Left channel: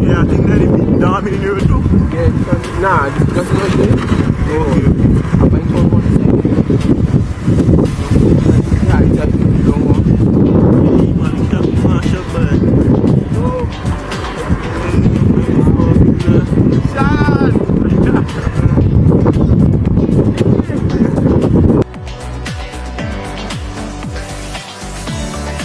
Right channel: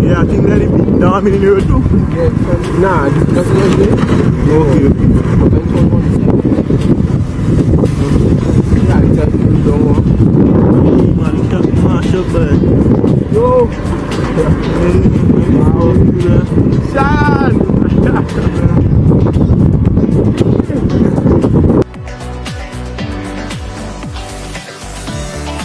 Yeah, I think that it be down in here too. Yeah, nah, that's not it. Okay. Yeah, it's just you don't want. Man, shot bad. Yo! Sean!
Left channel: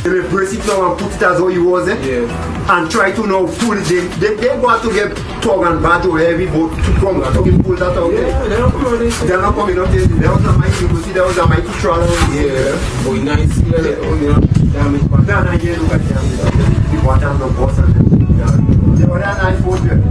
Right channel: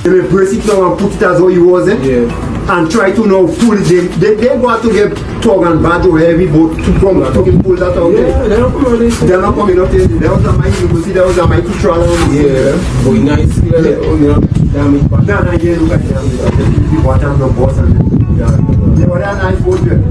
They will press it now and put it as how it was, eh? Yeah. And try to now pull it. They want to get tug and bad or heavy, but to come to pull that out. Yeah, they're not coming out. They're not coming out there. There was a mighty, you see, there was a mighty trawler. Yeah. But nice, you know, damage back. No, yeah, look at them. The water and the boss and yeah, but they're nice boat there.